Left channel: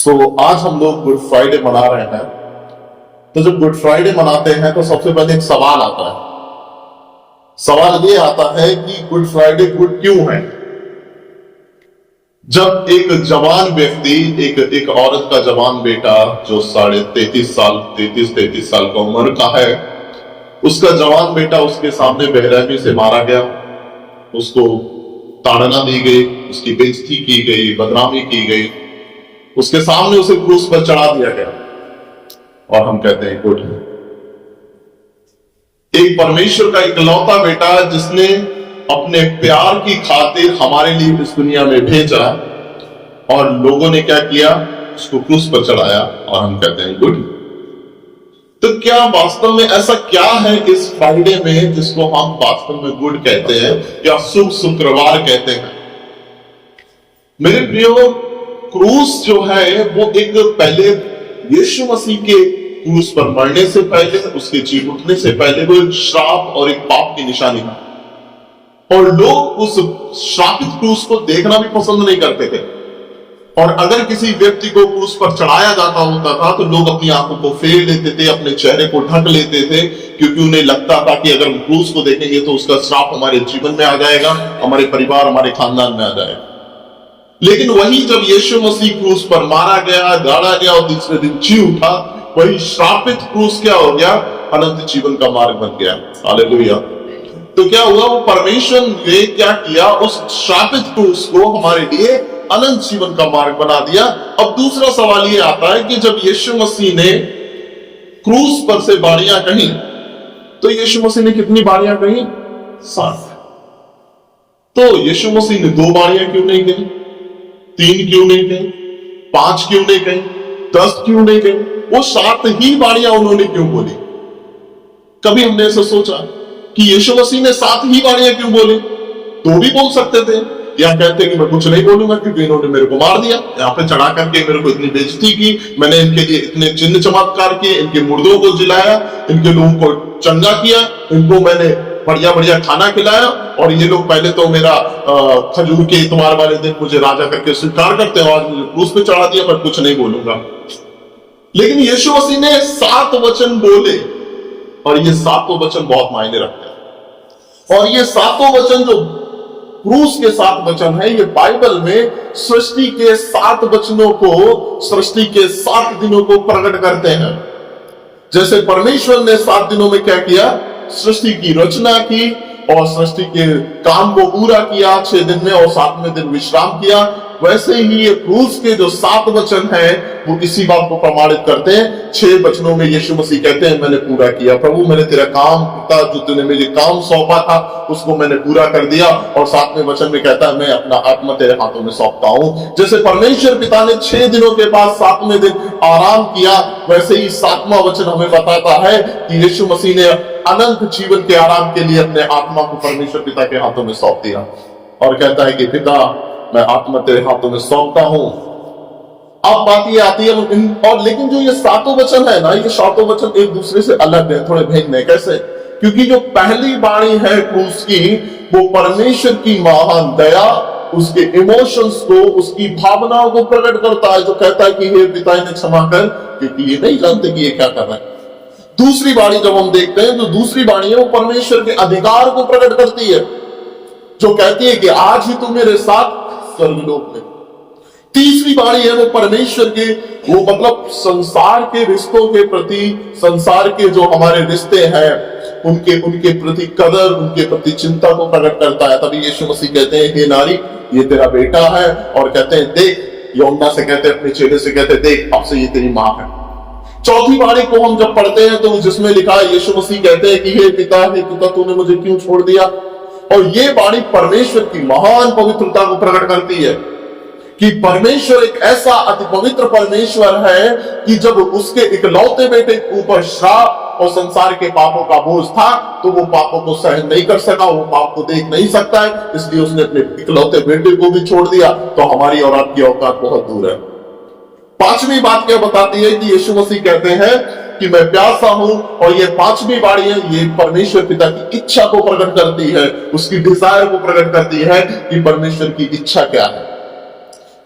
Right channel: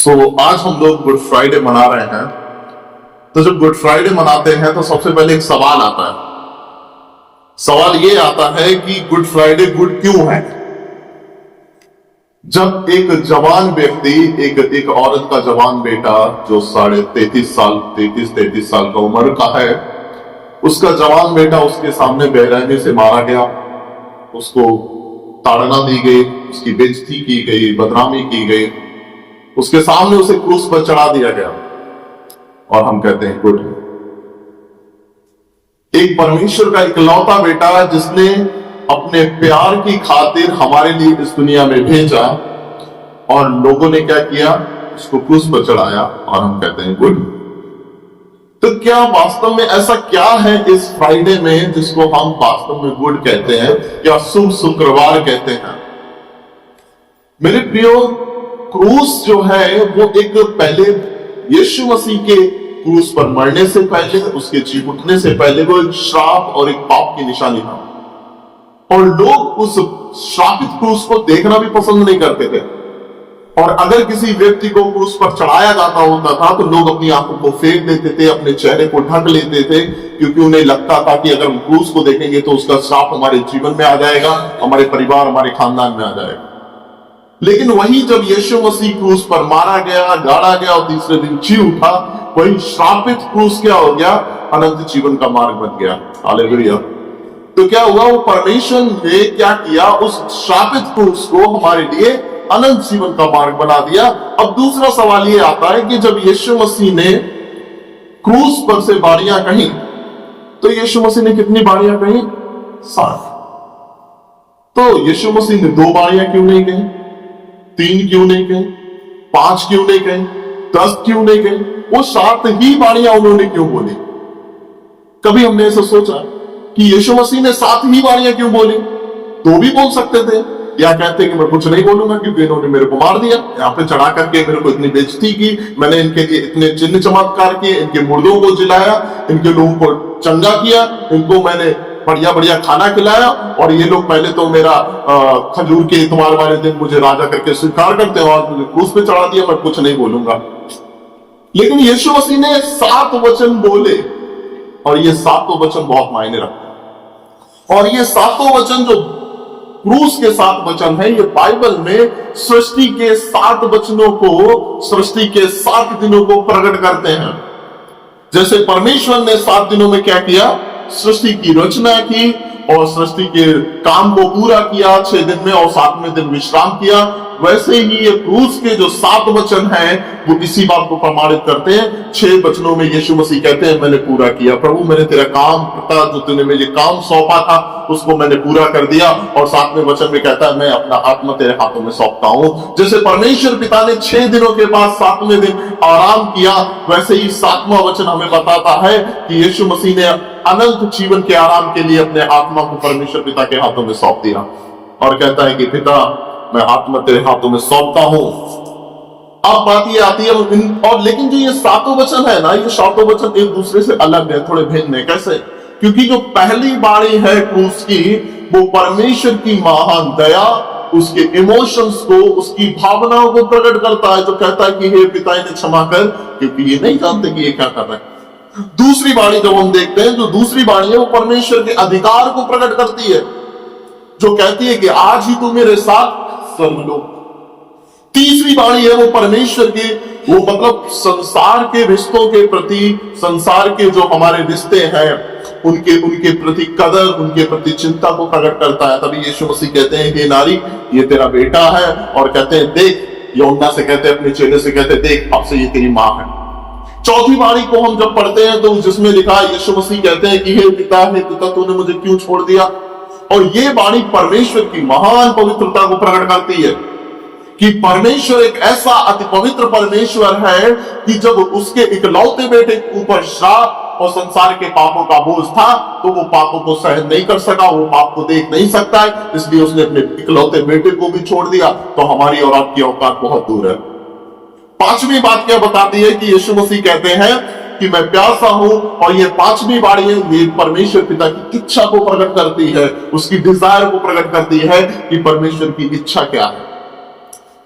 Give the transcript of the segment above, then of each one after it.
आज हम लोग गुड फ्राइडे मना रहे हैं। तो जब गुड फ्राइडे मनाते हैं तो सबसे पहले एक सवाल आता है। सवाल ये आता है कि गुड फ्राइडे गुड क्यों है। जब एक जवान व्यक्ति, एक औरत का जवान बेटा जो 33 साल का उम्र का है, उसका जवान बेटा उसके सामने बेरहमी से मारा गया, उसको ताड़ना दी गई, उसकी बेइज्जती की गई, बदनामी की गई, उसके सामने उसे क्रूस पर चढ़ा दिया गया और हम कहते हैं गुड। एक परमेश्वर का इकलौता बेटा जिसने अपने प्यार की खातिर हमारे लिए इस दुनिया में भेजा और लोगों ने क्या किया, उसको क्रूस पर चढ़ाया और हम कहते हैं गुड। तो क्या वास्तव में ऐसा क्या है इस फ्राइडे में जिसको हम वास्तव में गुड कहते हैं या शुभ शुक्रवार कहते हैं। मेरे प्रियो, क्रूस जो है वो एक पहले यीशु मसीह के क्रूस पर मरने से पहले, उसके जी उठने से पहले वो एक श्राप और एक पाप की निशानी था और लोग उस श्रापित क्रूस को देखना भी पसंद नहीं करते थे। और अगर किसी व्यक्ति को क्रूस पर चढ़ाया जाता होता था तो लोग अपनी आंखों को फेर लेते थे, अपने चेहरे को ढक लेते थे, क्योंकि उन्हें लगता था कि अगर हम क्रूस को देखेंगे तो उसका श्राप हमारे जीवन में आ जाएगा, हमारे परिवार, हमारे खानदान में आ जाएगा। लेकिन वही जब यीशु मसीह क्रूस पर मारा गया, गाड़ा गया और तीसरे दिन जी उठा, वही श्रापित क्रूस क्या हो गया, अनंत जीवन का मार्ग बन गया। हालेलुया। तो क्या हुआ, वो परमेश्वर ने क्या किया, उस श्रापित क्रूस को हमारे लिए अनंत जीवन का मार्ग बना दिया। अब दूसरा सवाल ये आता है कि जब यीशु मसीह ने क्रूस पर से बाणियां कहीं, तो यीशु मसीह ने कितनी बाणियां कहीं? 7। तो यीशु मसीह ने 2 बाणियां क्यों नहीं कहीं, 3 क्यों नहीं कहीं, 5 क्यों नहीं कहीं, 10 क्यों नहीं कहीं? वो 7 ही बाणियां उन्होंने क्यों बोली? कभी हमने ऐसा सोचा कि यीशु मसीह ने 7 ही बाणियां क्यों बोली? 2 भी बोल सकते थे, या कहते कि मैं कुछ नहीं बोलूंगा क्योंकि इन्होंने मेरे को मार दिया, यहाँ पे चढ़ा करके मेरे को इतनी बेइज्जती की, मैंने इनके लिए इतने चिन्ह चमत्कार किए, इनके मुर्दों को जिलाया, इनके लोगों को चंगा किया, इनको मैंने बढ़िया बढ़िया खाना खिलाया और ये लोग पहले तो मेरा खजूर के इतवार वाले दिन मुझे राजा करके स्वीकार करते हैं और मुझे क्रूस पे चढ़ा दिया, मैं कुछ नहीं बोलूंगा। लेकिन यीशु मसीह ने 7 वचन बोले और ये 7 वचन बहुत मायने रखते हैं। और ये 7 वचन जो क्रूस के 7 वचन है, ये बाइबल में सृष्टि के 7 वचनों को, सृष्टि के 7 दिनों को प्रकट करते हैं। जैसे परमेश्वर ने 7 दिनों में क्या किया, सृष्टि की रचना की और सृष्टि के काम को पूरा किया 6 दिन में और 7वें दिन विश्राम किया, वैसे ही ये क्रूस के जो 7 वचन हैं वो इसी बात को प्रमाणित करते हैं। 6 वचनों में यीशु मसीह कहते हैं मैंने पूरा किया, प्रभु मैंने तेरा काम करता, जो तूने मुझे काम सौंपा था उसको मैंने पूरा कर दिया। और 7वें वचन में कहता है मैं अपना आत्मा तेरे हाथों में सौंपता हूं। जैसे परमेश्वर पिता ने 6 दिनों के बाद 7वें दिन आराम किया, वैसे ही 7वां वचन हमें बताता है कि यीशु मसीह ने अनंत जीवन के आराम के लिए अपने आत्मा को परमेश्वर पिता के हाथों में सौंप दिया और कहता है कि पिता मैं आत्मा तेरे हाथों में सौंपता हूं। अब बात ये आती है और लेकिन जो ये 7 वचन है ना, ये 7 वचन एक दूसरे से अलग है, थोड़े भिन्न है। कैसे? क्योंकि जो पहली बाणी है क्रूस की, वो परमेश्वर की महान दया, उसके इमोशंस को, उसकी भावनाओं को प्रकट करता है, जो कहता है कि हे पिता इन्हें क्षमा कर क्योंकि ये नहीं जानते कि ये क्या कर रहे हैं। दूसरी बाणी जब हम देखते हैं, जो दूसरी बाणी है वो परमेश्वर के अधिकार को प्रकट करती है, जो कहती है कि आज ही तू मेरे साथ स्वर्गलोक में। तीसरी बाणी है वो परमेश्वर के, वो मतलब संसार के रिश्तों के प्रति, संसार के जो हमारे रिश्ते हैं उनके प्रति कदर, उनके प्रति चिंता को प्रकट करता है। तभी यीशु मसीह कहते हैं हे नारी ये तेरा बेटा है, और कहते हैं देख, यूहन्ना से कहते हैं, अपने चेले से कहते हैं देख अब से ये तेरी मां है। चौथी बाणी को हम जब पढ़ते हैं तो जिसमें लिखा है यीशु मसीह कहते हैं कि हे पिता तूने मुझे क्यों छोड़ दिया। और ये बाणी परमेश्वर की महान पवित्रता को प्रकट करती है कि परमेश्वर एक ऐसा अति पवित्र परमेश्वर है कि जब उसके इकलौते बेटे के ऊपर श्राप और संसार के पापों का बोझ था तो वो पापों को सहन नहीं कर सका, वो पाप को देख नहीं सकता है, इसलिए उसने अपने इकलौते बेटे को भी छोड़ दिया। तो हमारी और आपकी औकात बहुत दूर है। 5वीं बात क्या बताती है कि यीशु मसीह कहते हैं कि मैं प्यासा हूं, और ये 5वीं बाणी है, ये परमेश्वर पिता की इच्छा को प्रकट करती है, उसकी डिजायर को प्रकट करती है कि परमेश्वर की इच्छा क्या है।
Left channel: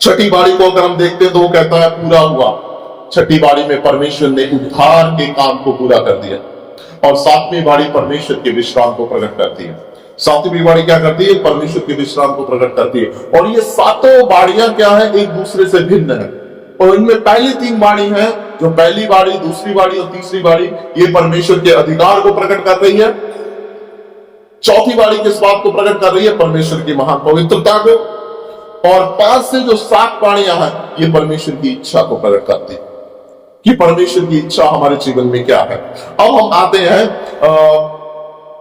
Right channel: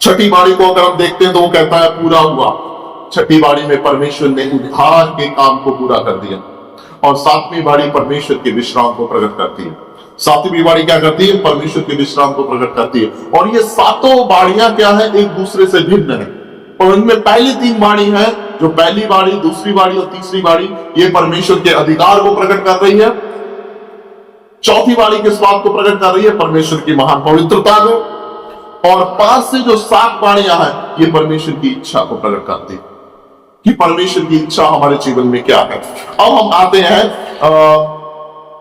छठी बाड़ी को अगर हम देखते हैं तो वो कहता है पूरा हुआ। छठी बाड़ी में परमेश्वर ने उद्धार के काम को पूरा कर दिया। और सातवीं बाड़ी परमेश्वर के विश्राम को प्रकट करती है। सातवीं बाड़ी क्या करती है? परमेश्वर के विश्राम को प्रकट करती है। और ये सातों बाड़ियां क्या है? एक दूसरे से भिन्न है। और इनमें पहली तीन बाड़ी हैं, जो पहली बाड़ी, दूसरी बाड़ी और तीसरी बाड़ी, ये परमेश्वर के अधिकार को प्रकट कर रही है। चौथी बाड़ी किस बात को प्रकट कर रही है? परमेश्वर की महान पवित्रता को। और 5 से जो 7 बाणियां हैं, ये परमेश्वर की इच्छा को प्रकट करती है कि परमेश्वर की इच्छा हमारे जीवन में क्या है। अब हम आते हैं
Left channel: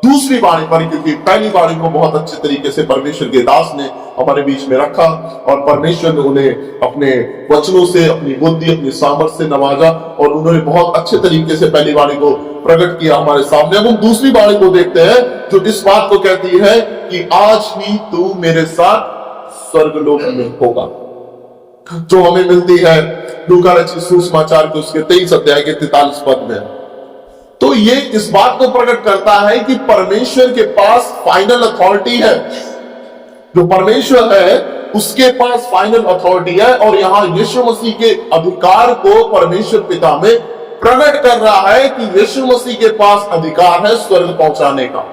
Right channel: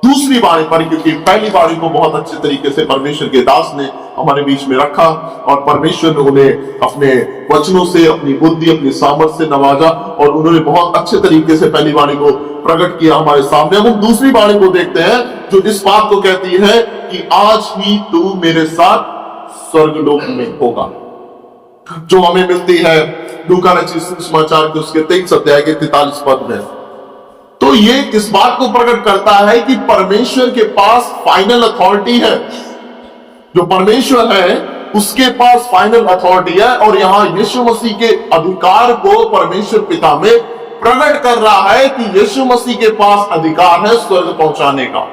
दूसरी बाणी पर, क्योंकि पहली बाणी को बहुत अच्छे तरीके से परमेश्वर के दास ने हमारे बीच में रखा और परमेश्वर ने उन्हें अपने वचनों से, अपनी बुद्धि, अपनी सामर्थ्य से नवाजा और उन्होंने बहुत अच्छे तरीके से पहली बाणी को प्रकट किया हमारे सामने। अब हम दूसरी बाणी को देखते हैं, जो इस बात को कहती है कि आज ही तू मेरे साथ स्वर्गलोक में होगा, जो हमें मिलती है लूका रचित सुसमाचार के उसके 23 अध्याय के 43 पद में। तो ये इस बात को प्रकट करता है कि परमेश्वर के पास फाइनल अथॉरिटी है। जो परमेश्वर है उसके पास फाइनल अथॉरिटी है। और यहां यीशु मसीह के अधिकार को परमेश्वर पिता में प्रकट कर रहा है कि यीशु मसीह के पास अधिकार है स्वर्ग पहुंचाने का।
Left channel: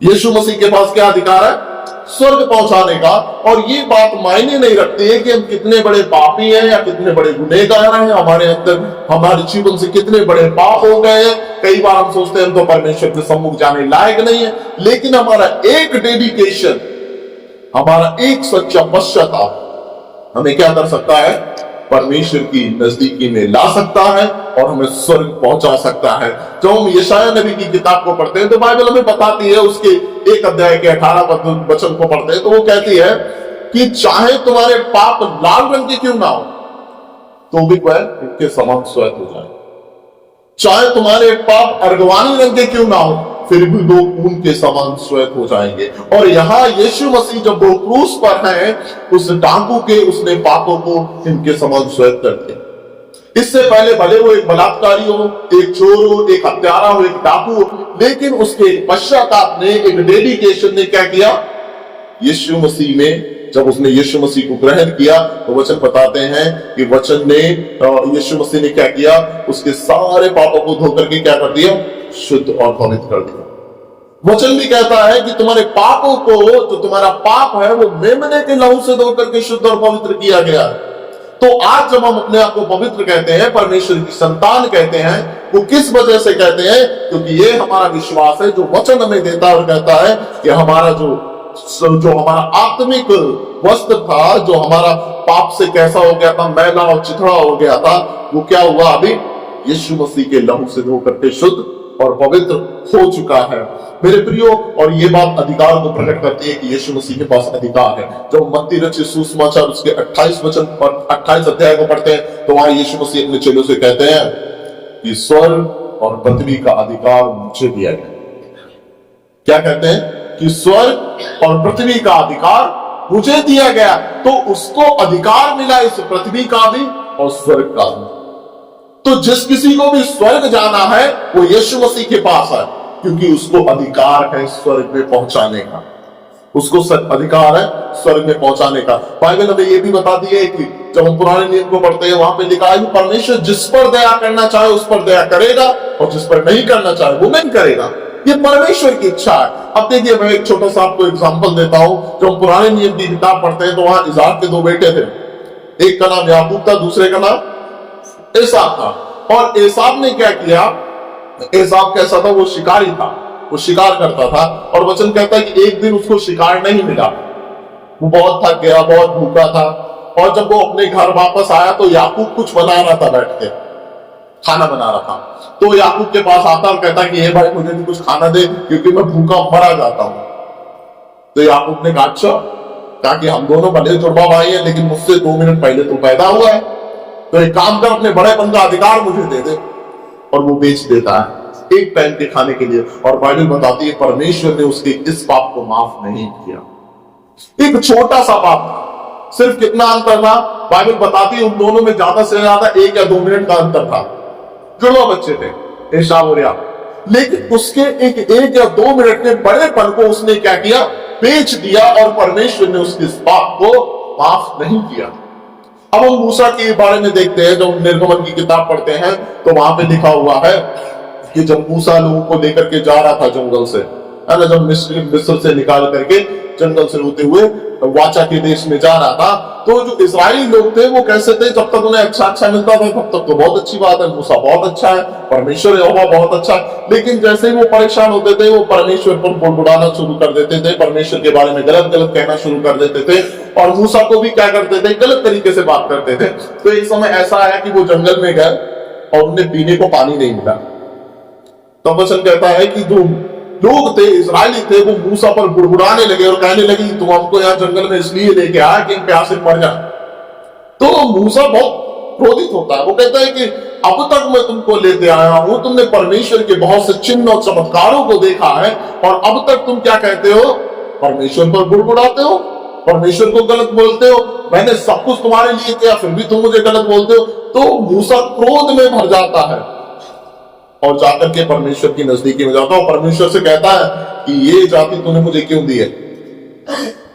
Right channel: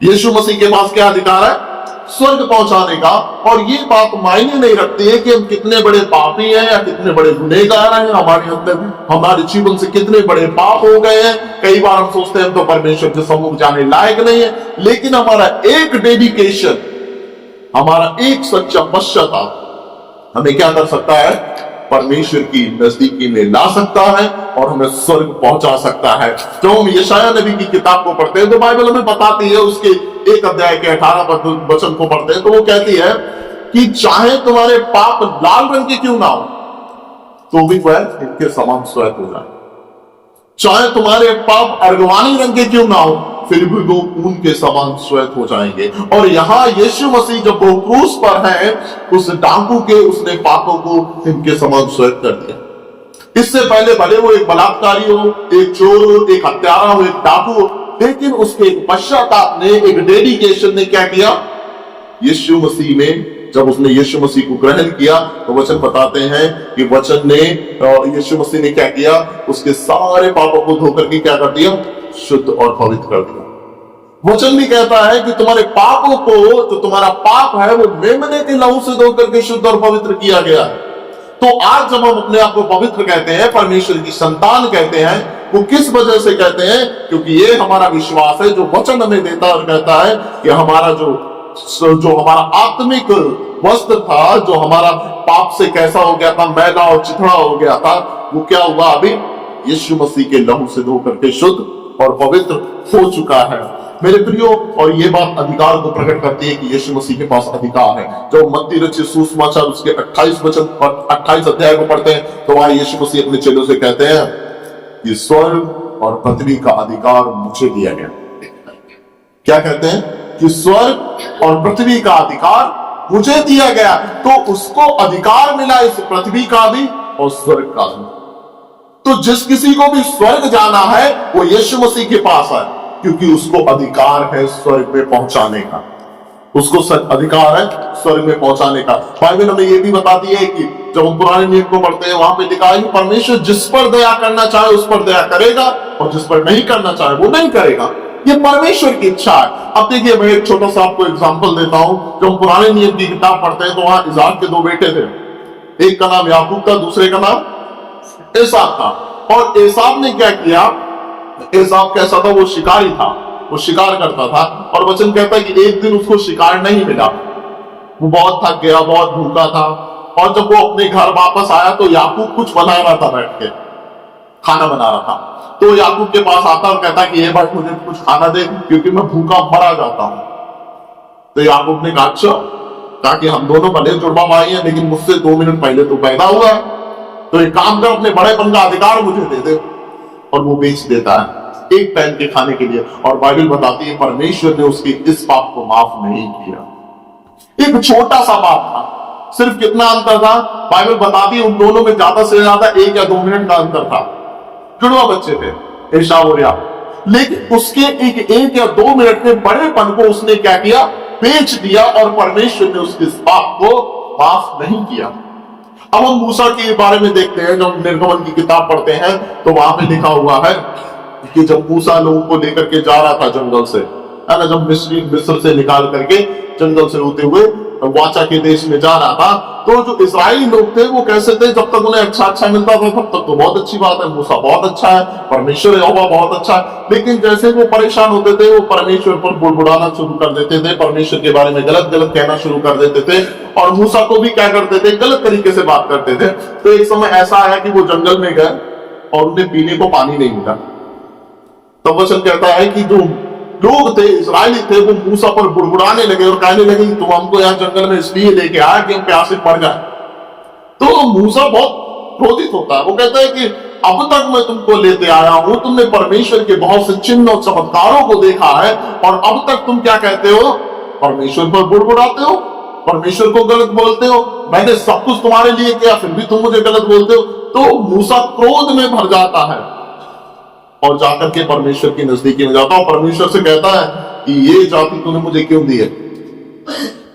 यीशु मसीह के पास क्या अधिकार है? स्वर्ग पहुंचाने का। और ये बात मायने नहीं रखती है कि हम कितने बड़े पापी हैं या कितने बड़े गुनहगार हैं, हमारे अंदर हमारे जीवन से कितने बड़े पाप हो गए हैं। कई बार हम सोचते हैं हम तो परमेश्वर के सम्मुख जाने लायक नहीं है, लेकिन हमारा एक डेडिकेशन, हमारा एक सच्चा पश्चाताप हमें क्या कर सकता है? परमेश्वर की नजदीकी में ला सकता है और हमें स्वर्ग पहुंचा सकता है। जब हम यशायाह नबी की किताब को पढ़ते हैं तो बाइबल हमें बताती है, उसके 1 अध्याय के 18 वचन को पढ़ते हैं तो वो कहती है कि चाहे तुम्हारे पाप लाल रंग के क्यों ना हो तो भी वह इनके समान श्वेत हो जाए। चाहे तुम्हारे पाप अर्गवानी रंग के क्यों ना हो फिर भी वो ऊन के समान श्वेत हो जाएंगे। और यहां यीशु मसीह जब वो क्रूस पर है, उस डाकू के उसने पापों को इनके समान श्वेत कर दिया। इससे पहले भले वो एक बलात्कारी हो, एक चोर हो, एक हत्यारा हो, एक डाकू हो, लेकिन उसके एक पश्चाताप ने, एक डेडिकेशन ने क्या किया? यीशु मसीह में जब उसने यीशु मसीह को ग्रहण किया तो वचन बताते हैं कि वचन ने, यीशु मसीह ने क्या किया? उसके सारे पापों को धो करके क्या कर दिया? शुद्ध और पवित्र कर दिया। वचन भी कहता है कि तुम्हारे पापों को, जो तुम्हारा पाप है वो मेमने के लहू से धो करके शुद्ध और पवित्र किया गया है। तो आज जब हम अपने आप को पवित्र कहते हैं, परमेश्वर की संतान कहते हैं, वो किस वजह से कहते हैं? क्योंकि ये हमारा विश्वास है जो वचन हमें देता है और कहता है कि हमारा जो हमारा आत्मिक वस्त्र था, जो हमारा पाप से कैसा हो गया था, मैला और चिथड़ा हो गया था, वो क्या हुआ? अभी यीशु मसीह के लहू से धो करके शुद्ध और पवित्र हो चुका है मेरे प्रियो। और ये बात अधिकार को प्रकट करती है कि यीशु मसीह के पास अधिकार है। जब मत्ती रचित सुसमाचार उसके 28 अध्याय को पढ़ते हैं तो वहां यीशु मसीह अपने चेलों से कहते हैं कि स्वर्ग और पृथ्वी का अधिकार मुझे दिया गया। क्या कहते हैं? कि स्वर्ग और पृथ्वी का अधिकार मुझे दिया गया। तो उसको अधिकार मिला इस पृथ्वी का भी और स्वर्ग का भी। तो जिस किसी को भी स्वर्ग जाना है वो यीशु मसीह के पास है, क्योंकि उसको अधिकार है स्वर्ग में पहुंचाने का। उसको अधिकार है स्वर्ग में पहुंचाने का। बाइबल हमें यह भी बताती है कि जब हम पुराने नियम को पढ़ते हैं वहां पे लिखा है कि परमेश्वर जिस पर दया करना चाहे उस पर दया करेगा और जिस पर नहीं करना चाहे वो नहीं करेगा। ये परमेश्वर की इच्छा है। अब देखिए, मैं एक छोटा सा आपको एग्जांपल देता हूं। जब हम पुराने नियम की किताब पढ़ते हैं तो वहां इसाक के 2 बेटे थे। एक का नाम याकूब था, दूसरे का नाम एसाव था। और एसाव ने क्या किया? एसाव कैसा था? वो शिकारी था, वो शिकार करता था। और वचन कहता है कि एक दिन उसको शिकार नहीं मिला, वो बहुत थक गया, बहुत भूखा था। और जब वो अपने घर वापस आया तो याकूब कुछ बना रहा था, बैठ के खाना बना रहा था। तो याकूब के पास आता और कहता कि हे भाई मुझे भी कुछ खाना दे, क्योंकि मैं भूखा मरा जाता हूं। तो याकूब ने कहा अच्छा, कहा कि हम दोनों भले जुड़वा भाई हैं लेकिन मुझसे 2 मिनट पहले तो पैदा हुआ है, तो एक काम कर, अपने बड़ेपन का अधिकार मुझे दे दे। और वो बेच देता है एक टाइम के खाने के लिए। और बाइबल बताती है परमेश्वर ने उसके इस पाप को माफ नहीं किया। एक छोटा सा पाप था, सिर्फ कितना अंतर था? बाइबल बताती है उन दोनों में ज्यादा से ज्यादा 1 या 2 मिनट का अंतर था। जुड़वा बच्चे थे, एसाव और याकूब। लेकिन उसके एक या 2 मिनट के बड़ेपन को उसने क्या किया? बेच दिया। और परमेश्वर ने उसके इस पाप को माफ नहीं किया। अब हम मूसा के बारे में देखते हैं, जब निर्गमन की किताब पढ़ते हैं तो वहां पे लिखा हुआ है कि जब मूसा लोगों को लेकर के जा रहा था जंगल से, है ना, जब मिस्र से निकाल करके जंगल से होते हुए वाचा के देश में जा रहा था, तो जो इजरायली लोग थे वो कैसे थे, जब तक उन्हें अच्छा मिलता था तब तक तो बहुत अच्छी बात है, मूसा बहुत अच्छा है, परमेश्वर यहोवा बहुत अच्छा है। लेकिन जैसे ही वो परेशान होते थे वो परमेश्वर पर बुड़बुड़ाना शुरू कर देते थे, परमेश्वर के बारे में गलत गलत कहना शुरू कर देते थे, और मूसा को भी क्या करते थे, गलत तरीके से बात करते थे। तो एक समय ऐसा आया कि वो जंगल में गए और उन्हें पीने को पानी नहीं मिला। तब वचन कहता है कि जो लोग थे, इजरायली थे, वो मूसा पर बुड़बुड़ाने लगे और कहने लगे तुम हमको यहाँ जंगल में इसलिए लेके आया कि हम प्यासे मर जाए। तो मूसा बहुत क्रोधित होता है, वो कहता है कि अब तक मैं तुमको लेते आया हूं, तुमने परमेश्वर के बहुत से चिन्ह और चमत्कारों को देखा है, और अब तक तुम क्या कहते हो, परमेश्वर पर बुड़बुड़ाते हो, परमेश्वर को गलत बोलते हो, मैंने सब कुछ तुम्हारे लिए किया फिर भी तुम मुझे गलत बोलते हो। तो मूसा क्रोध में भर जाता है और जाकर के परमेश्वर की नजदीकी में जाता है, परमेश्वर से कहता है कि ये जाति तूने मुझे क्यों दी है,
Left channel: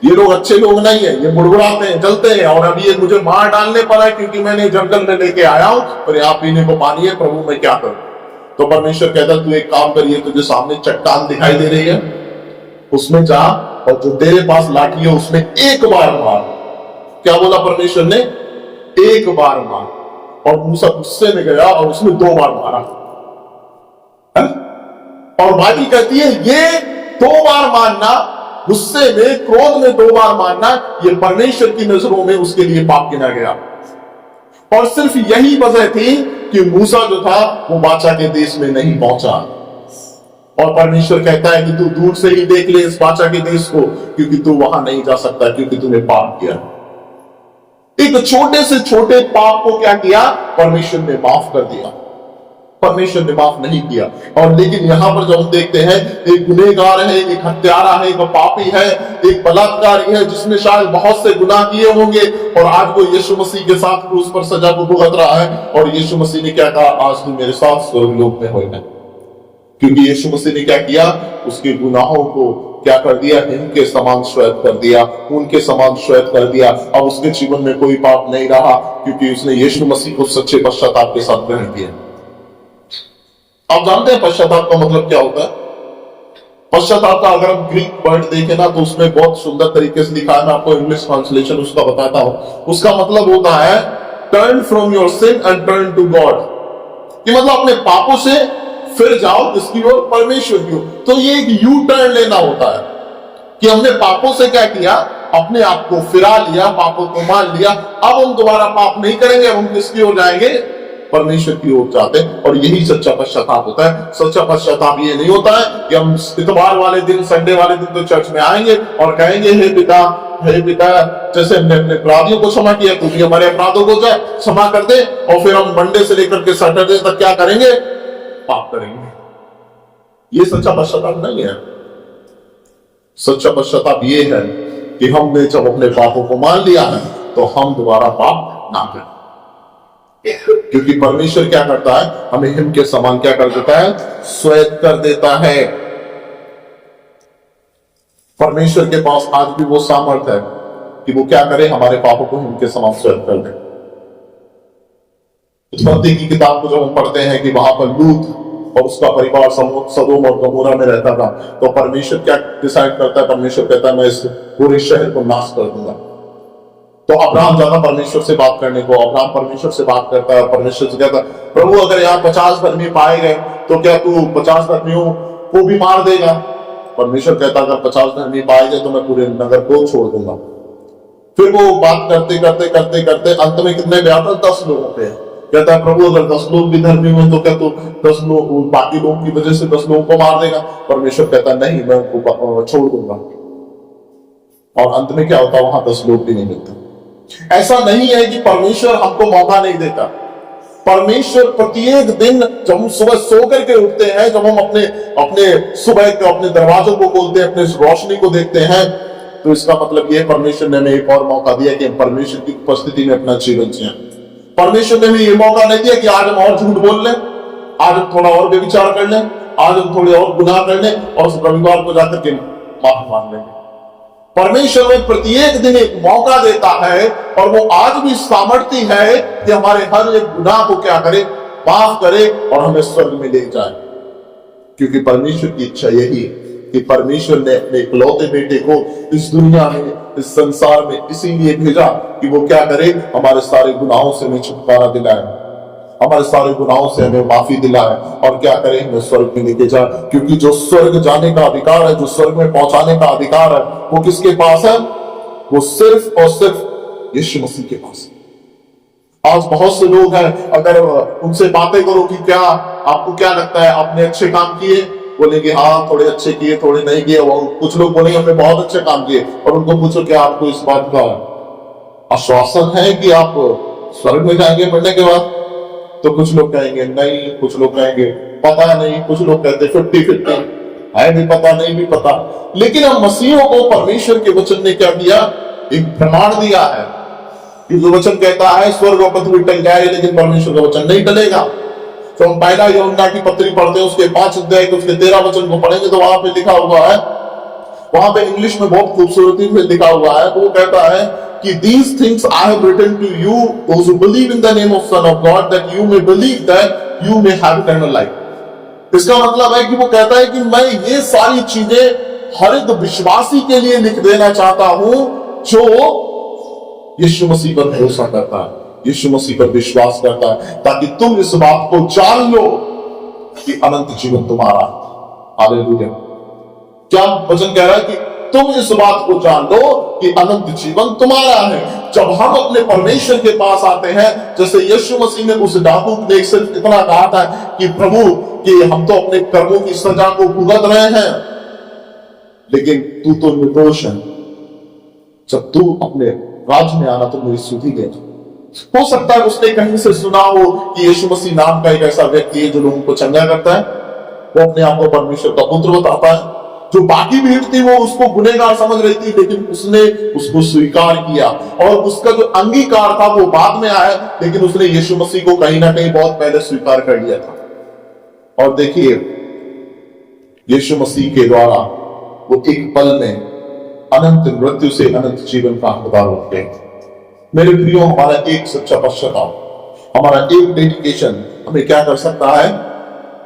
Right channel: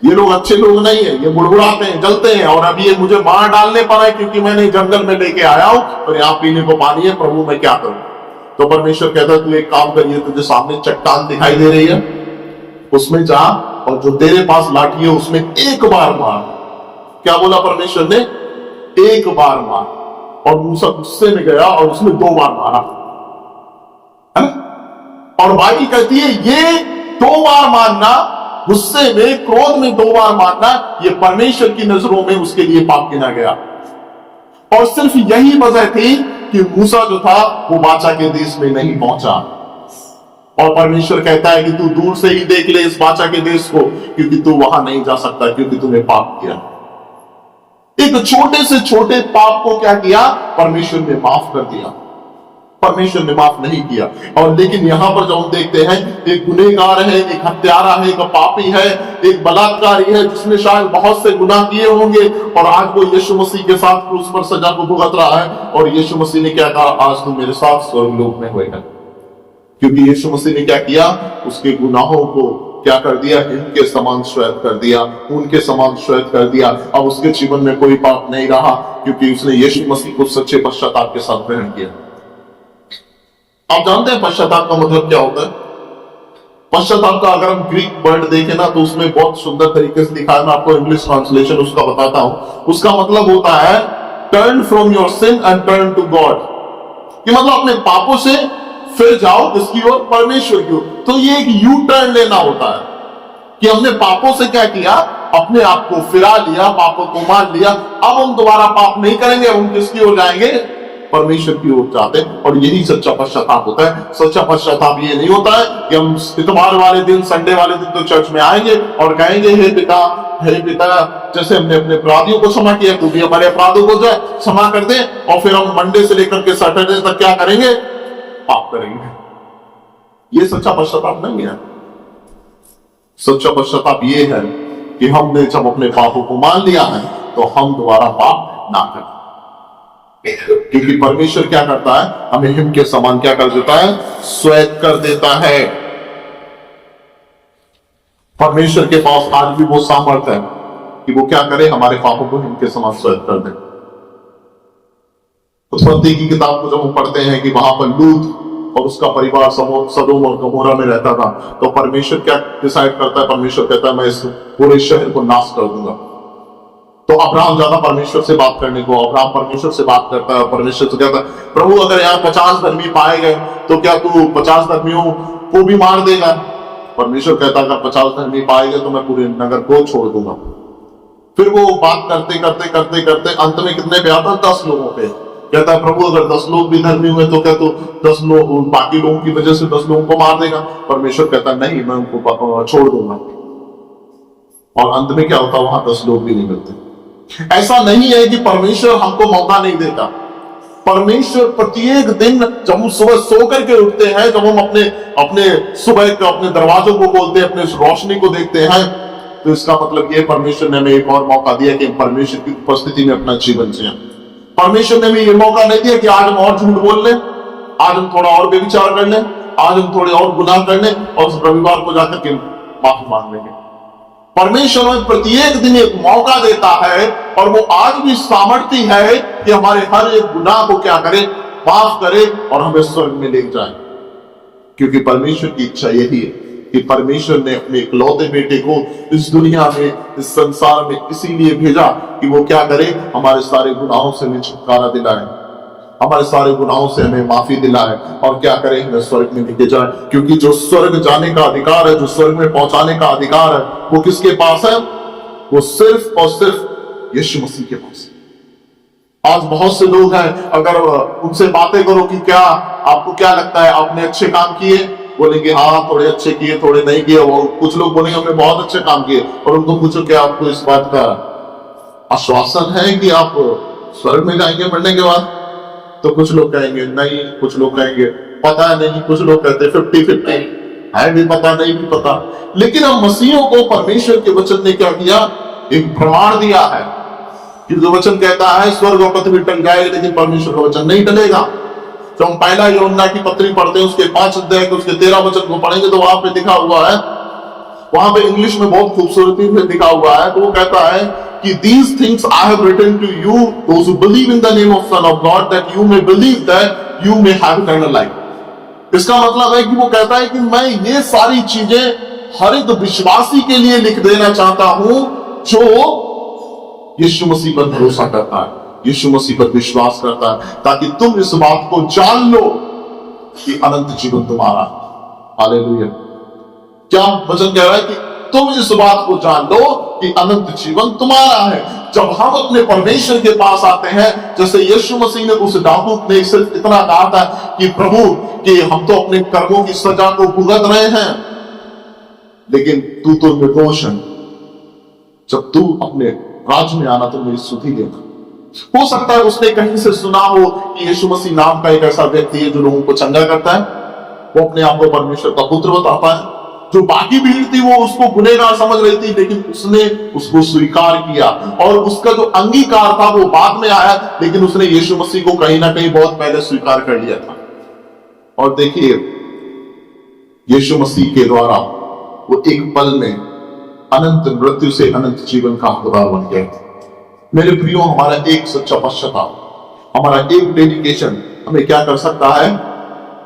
ये लोग अच्छे लोग नहीं है, ये बुड़बुड़ाते हैं, जलते हैं, और अभी ये मुझे मार डालने पर है क्योंकि मैंने जंगल में लेके आया हूं और यहाँ पीने को पानी है, प्रभु मैं क्या करूं। तो परमेश्वर कहता है तू एक काम करिए, तुझे सामने चट्टान दिखाई दे रही है, उसमें जा और जो तेरे पास लाठी है उसमें एक बार मार। क्या बोला परमेश्वर ने, एक बार मार, और मूसा गुस्से में गया और उसमें 2 बार मारा। और बाइबल कहती है ये 2 बार मारना, गुस्से में क्रोध में 2 बार मारना, ये परमेश्वर की नजरों में उसके लिए पाप गिना गया। और सिर्फ यही वजह थी कि मूसा जो था वो बाचा के देश में नहीं पहुंचा, और परमेश्वर कहता है कि तू दूर से ही देख ले इस बाचा के देश को, क्योंकि तू वहां नहीं जा सकता क्योंकि तूने पाप किया। एक छोटे से छोटे पाप को क्या किया, परमेश्वर ने माफ कर दिया, परमेश्वर ने माफ नहीं किया। और लेकिन यहां पर जो हम देखते हैं, एक गुनहगार है, एक हत्यारा है, एक पापी है, एक बलात्कारी है जिसने शायद बहुत से गुनाह किए होंगे, और आज वो यीशु मसीह के साथ क्रूस पर सजा को भुगत रहा है, और यीशु मसीह ने क्या कहा, आज तू मेरे साथ स्वर्गलोक में होएगा। क्योंकि यीशु मसीह ने क्या किया, उसके गुनाहों को क्या कर दिया, इनके समान श्वेत कर दिया, उनके समान श्वेत कर दिया। अब उसके जीवन में कोई पाप नहीं रहा, क्योंकि उसने यीशु मसीह को सच्चे पश्चाताप के साथ ग्रहण किया। आप जानते हैं पश्चाताप का मतलब क्या होता है? पश्चाताप का अगर हम ग्रीक वर्ड देखें ना, तो उसमें बहुत सुंदर तरीके से लिखा है, मैं आपको इंग्लिश ट्रांसलेशन उसका बताता हूं। उसका मतलब होता है turn from your sin and turn to God, कि मतलब अपने पापों से फिर जाओ किसकी ओर, परमेश्वर की ओर। तो ये एक यू टर्न लेना होता है कि हमने पापों से क्या किया, अपने आप को फिरा लिया, पापों को मान लिया, अब हम दोबारा पाप नहीं करेंगे, अब हम किसकी ओर जाएंगे, परमेश्वर की ओर जाते हैं। और यही सच्चा पश्चाताप होता है। सच्चा पश्चाताप ये नहीं होता है कि हम इतवार वाले दिन, संडे वाले दिन तो चर्च में आएंगे और कहेंगे हे पिता, जैसे हमने अपने अपराधियों को क्षमा किया तू भी हमारे अपराधों को जाए क्षमा कर दे, और फिर हम मंडे से लेकर के सैटरडे तक क्या करेंगे, पाप करेंगे। ये सच्चा पश्चाताप नहीं है। सच्चा पश्चाताप ये है कि हमने जब अपने पापों को मान लिया है तो हम दोबारा पाप ना करें, क्योंकि परमेश्वर क्या करता है, हमें हिम के समान क्या कर देता है, श्वेत कर देता है। परमेश्वर के पास आज भी वो सामर्थ्य है कि वो क्या करे, हमारे पापों को हिम के समान श्वेत कर दे। उत्पत्ति की किताब को जब हम पढ़ते हैं कि वहां पर लूत और उसका परिवार सदोम और गमोरा में रहता था, तो परमेश्वर क्या डिसाइड करता है, परमेश्वर कहता है मैं इस पूरे शहर को नाश कर दूंगा। तो अब्राहम जाता परमेश्वर से बात करने को, अब्राहम परमेश्वर से बात करता है, परमेश्वर से कहता है प्रभु अगर यहाँ 50 धर्मी पाए गए तो क्या तू 50 धर्मियों को भी मार देगा? परमेश्वर कहता अगर 50 धर्मी पाए गए तो मैं पूरे नगर को छोड़ दूंगा। फिर वो बात करते करते करते करते अंत में कितने पे आता, 10 लोगों पे। कहता है प्रभु अगर 10 लोग भी धर्मी हुए तो क्या तू 10 लोग बाकी लोगों की वजह से 10 लोगों को मार देगा? परमेश्वर कहता नहीं, मैं उनको छोड़ दूंगा। और अंत में क्या होता, वहां 10 लोग भी नहीं मिलते। ऐसा नहीं है कि परमेश्वर हमको मौका नहीं देता। परमेश्वर प्रत्येक दिन जब हम सुबह सो करके उठते हैं, जब हम अपने सुबह के अपने दरवाजों को खोलते हैं, अपने रोशनी को देखते हैं, तो इसका मतलब यह परमेश्वर ने हमें एक और मौका दिया कि हम परमेश्वर की उपस्थिति में अपना जीवन जिएं। परमेश्वर ने हमें यह मौका नहीं दिया कि आज हम और झूठ बोल लें, आज हम थोड़ा और व्यभिचार कर लें, आज हम थोड़े और गुनाह कर लें और रविवार को जाकर के माफी मांग लेंगे। परमेश्वर में प्रत्येक दिन एक मौका देता है और वो आज भी सामर्थ्य है कि हमारे हर एक गुनाह को क्या करे, माफ करे और हमें स्वर्ग में ले जाए। क्योंकि परमेश्वर की इच्छा यही है कि परमेश्वर ने अपने इकलौते बेटे को इस दुनिया में, इस संसार में इसीलिए भेजा कि वो क्या करे, हमारे सारे गुनाहों से हमें छुटकारा दिलाए, हमारे सारे गुनाहों से हमें माफी दिलाए और क्या करे, हमें स्वर्ग में लेके जाए। क्योंकि जो स्वर्ग जाने का अधिकार है, जो स्वर्ग में पहुंचाने का अधिकार है, वो किसके पास है? वो सिर्फ और सिर्फ यीशु मसीह के पास है। आज बहुत से लोग हैं, अगर उनसे बातें करो कि क्या आपको क्या लगता है आपने अच्छे काम किए, बोलेंगे हाँ थोड़े अच्छे किए, थोड़े नहीं किए। वो कुछ लोग बोलेंगे हमने बहुत अच्छे काम किए, और उनको पूछो क्या आपको इस बात का आश्वासन है कि आप स्वर्ग में जाएंगे मरने के बाद? तो कुछ लोग कहेंगे नहीं, कुछ लोग कहेंगे पता नहीं, कुछ लोग कहते 50-50 है, भी पता नहीं भी पता। लेकिन हम मसीहों को परमेश्वर के वचन ने क्या किया? एक प्रमाण दिया है। क्योंकि वचन कहता है स्वर्ग और पृथ्वी टल जाएगी लेकिन परमेश्वर का वचन नहीं टलेगा। तो हम पहला यूहन्ना की पत्री पढ़ते हैं, उसके 5 अध्याय के उसके 13 वचन को पढ़ेंगे तो वहां पे लिखा हुआ है, वहां पे इंग्लिश में बहुत खूबसूरती से लिखा हुआ है। तो वो कहता है कि these things I have written to you those who believe in the name of Son of God that you may believe that you may have eternal life। इसका मतलब है कि वो कहता है कि मैं ये सारी चीजें हर एक विश्वासी के लिए लिख देना चाहता हूं जो यीशु मसीह पर भरोसा करता है, यीशु मसीह पर विश्वास करता है, ताकि तुम इस बात को जान लो कि अनंत जीवन तुम्हारा। हालेलुया। क्या वचन कह रहा है कि तुम इस बात को जान लो कि अनंत जीवन तुम्हारा है। जब हम अपने परमेश्वर के पास आते हैं, जैसे यीशु मसीह ने उस डाकू ने सिर्फ इतना कहा था कि प्रभु कि हम तो अपने कर्मों की सजा को भुगत रहे हैं, लेकिन तू तो निर्दोष है, जब तू अपने राज्य में आना तो मेरी सुधि देना। हो सकता है उसने कहीं से सुना हो कि यीशु मसीह नाम का एक ऐसा व्यक्ति है जो लोगों को चंगा करता है, वो अपने आप को परमेश्वर का पुत्र बताता है। जो बाकी भीड़ थी वो उसको गुनहगार समझ रही थी, लेकिन उसने उसको स्वीकार किया, और उसका जो अंगीकार था वो बाद में आया, लेकिन उसने यीशु मसीह को कहीं ना कहीं बहुत पहले स्वीकार कर लिया था। और देखिए यीशु मसीह के द्वारा वो एक पल में अनंत मृत्यु से अनंत जीवन का हकदार बन गए। मेरे प्रियो, हमारा एक सच्चा पश्चाताप, हमारा एक डेडिकेशन हमें क्या कर सकता है?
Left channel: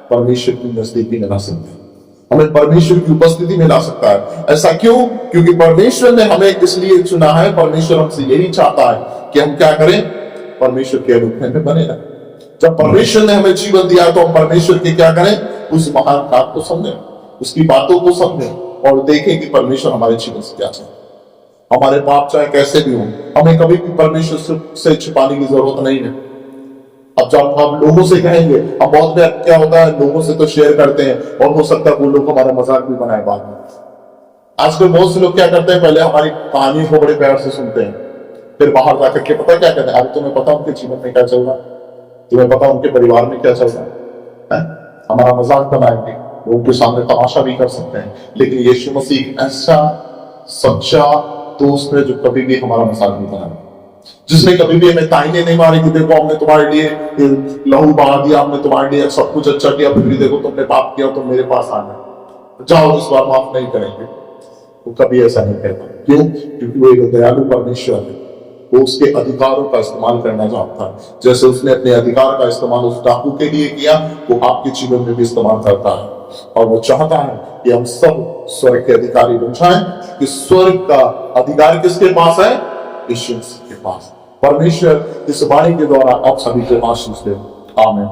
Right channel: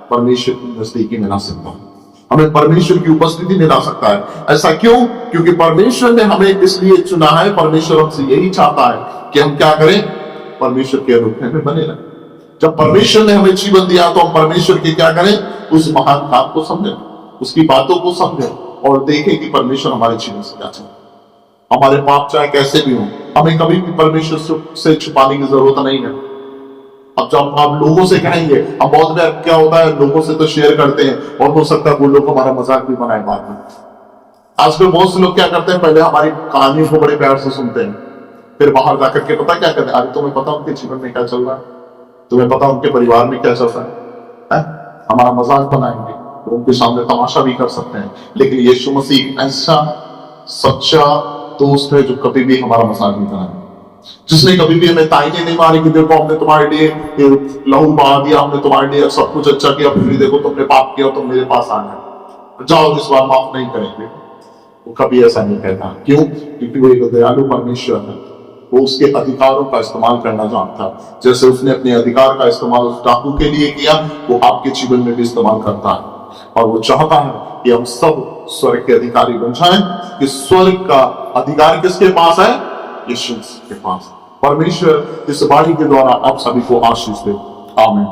परमेश्वर की नजदीकी में ला सकता है, हमें परमेश्वर की उपस्थिति में ला सकता है। ऐसा क्यों? क्योंकि परमेश्वर ने हमें इसलिए चुना है, परमेश्वर हमसे यही चाहता है कि हम क्या करें? परमेश्वर के अनुग्रह में बने रहें। जब परमेश्वर ने हमें जीवन दिया तो हम परमेश्वर के क्या करें? उस महान काम को समझें, उसकी बातों को समझें और देखें कि परमेश्वर हमारे जीवन से क्या चाहता है। हमारे पाप चाहे कैसे भी हो, हमें कभी भी परमेश्वर से छुपाने की जरूरत नहीं है। अब जब हम लोगों से कहेंगे, हम बहुत बार क्या होता है लोगों से तो शेयर करते हैं, और हो सकता है वो लोग हमारा मजाक भी बनाए बाद में। आजकल बहुत से लोग क्या करते हैं, पहले हमारी कहानियों को बड़े प्यार से सुनते हैं, फिर बाहर जाकर के पता क्या कहते हैं? अरे तुम्हें पता उनके जीवन में क्या चल रहा है, तुम्हें पता उनके परिवार में क्या चल रहा है? हमारा मजाक बनाएंगे, लोगों के सामने तमाशा भी कर सकते हैं। लेकिन यीशु मसीह ऐसा सच्चा दोस्त है जो कभी भी हमारा मजाक नहीं बनाएगा, जिसने कभी भी हमें ताइने नहीं मारे कि देखो हमने तुम्हारे लिए लहू बहा दिया, हमने तुम्हारे लिए सब कुछ अच्छा किया, फिर देखो तुमने पाप किया, तुम मेरे पास आना, जाओ इस बार माफ नहीं करेंगे। वो कभी ऐसा नहीं कहता। क्यों? क्योंकि वो एक दयालु परमेश्वर है, वो उसके अधिकारों का इस्तेमाल करना जानता है। जैसे उसने अपने अधिकार का इस्तेमाल उस डाकू के लिए किया, वो आपके जीवन में भी इस्तेमाल करता है। और वो चाहता है कि हम सब स्वर्ग के अधिकारी बन जाएं। कि स्वर्ग का अधिकार किसके पास है? यीशु के पास। परमेश्वर इस वाणी के द्वारा आप सभी को आशीष दे। आमीन।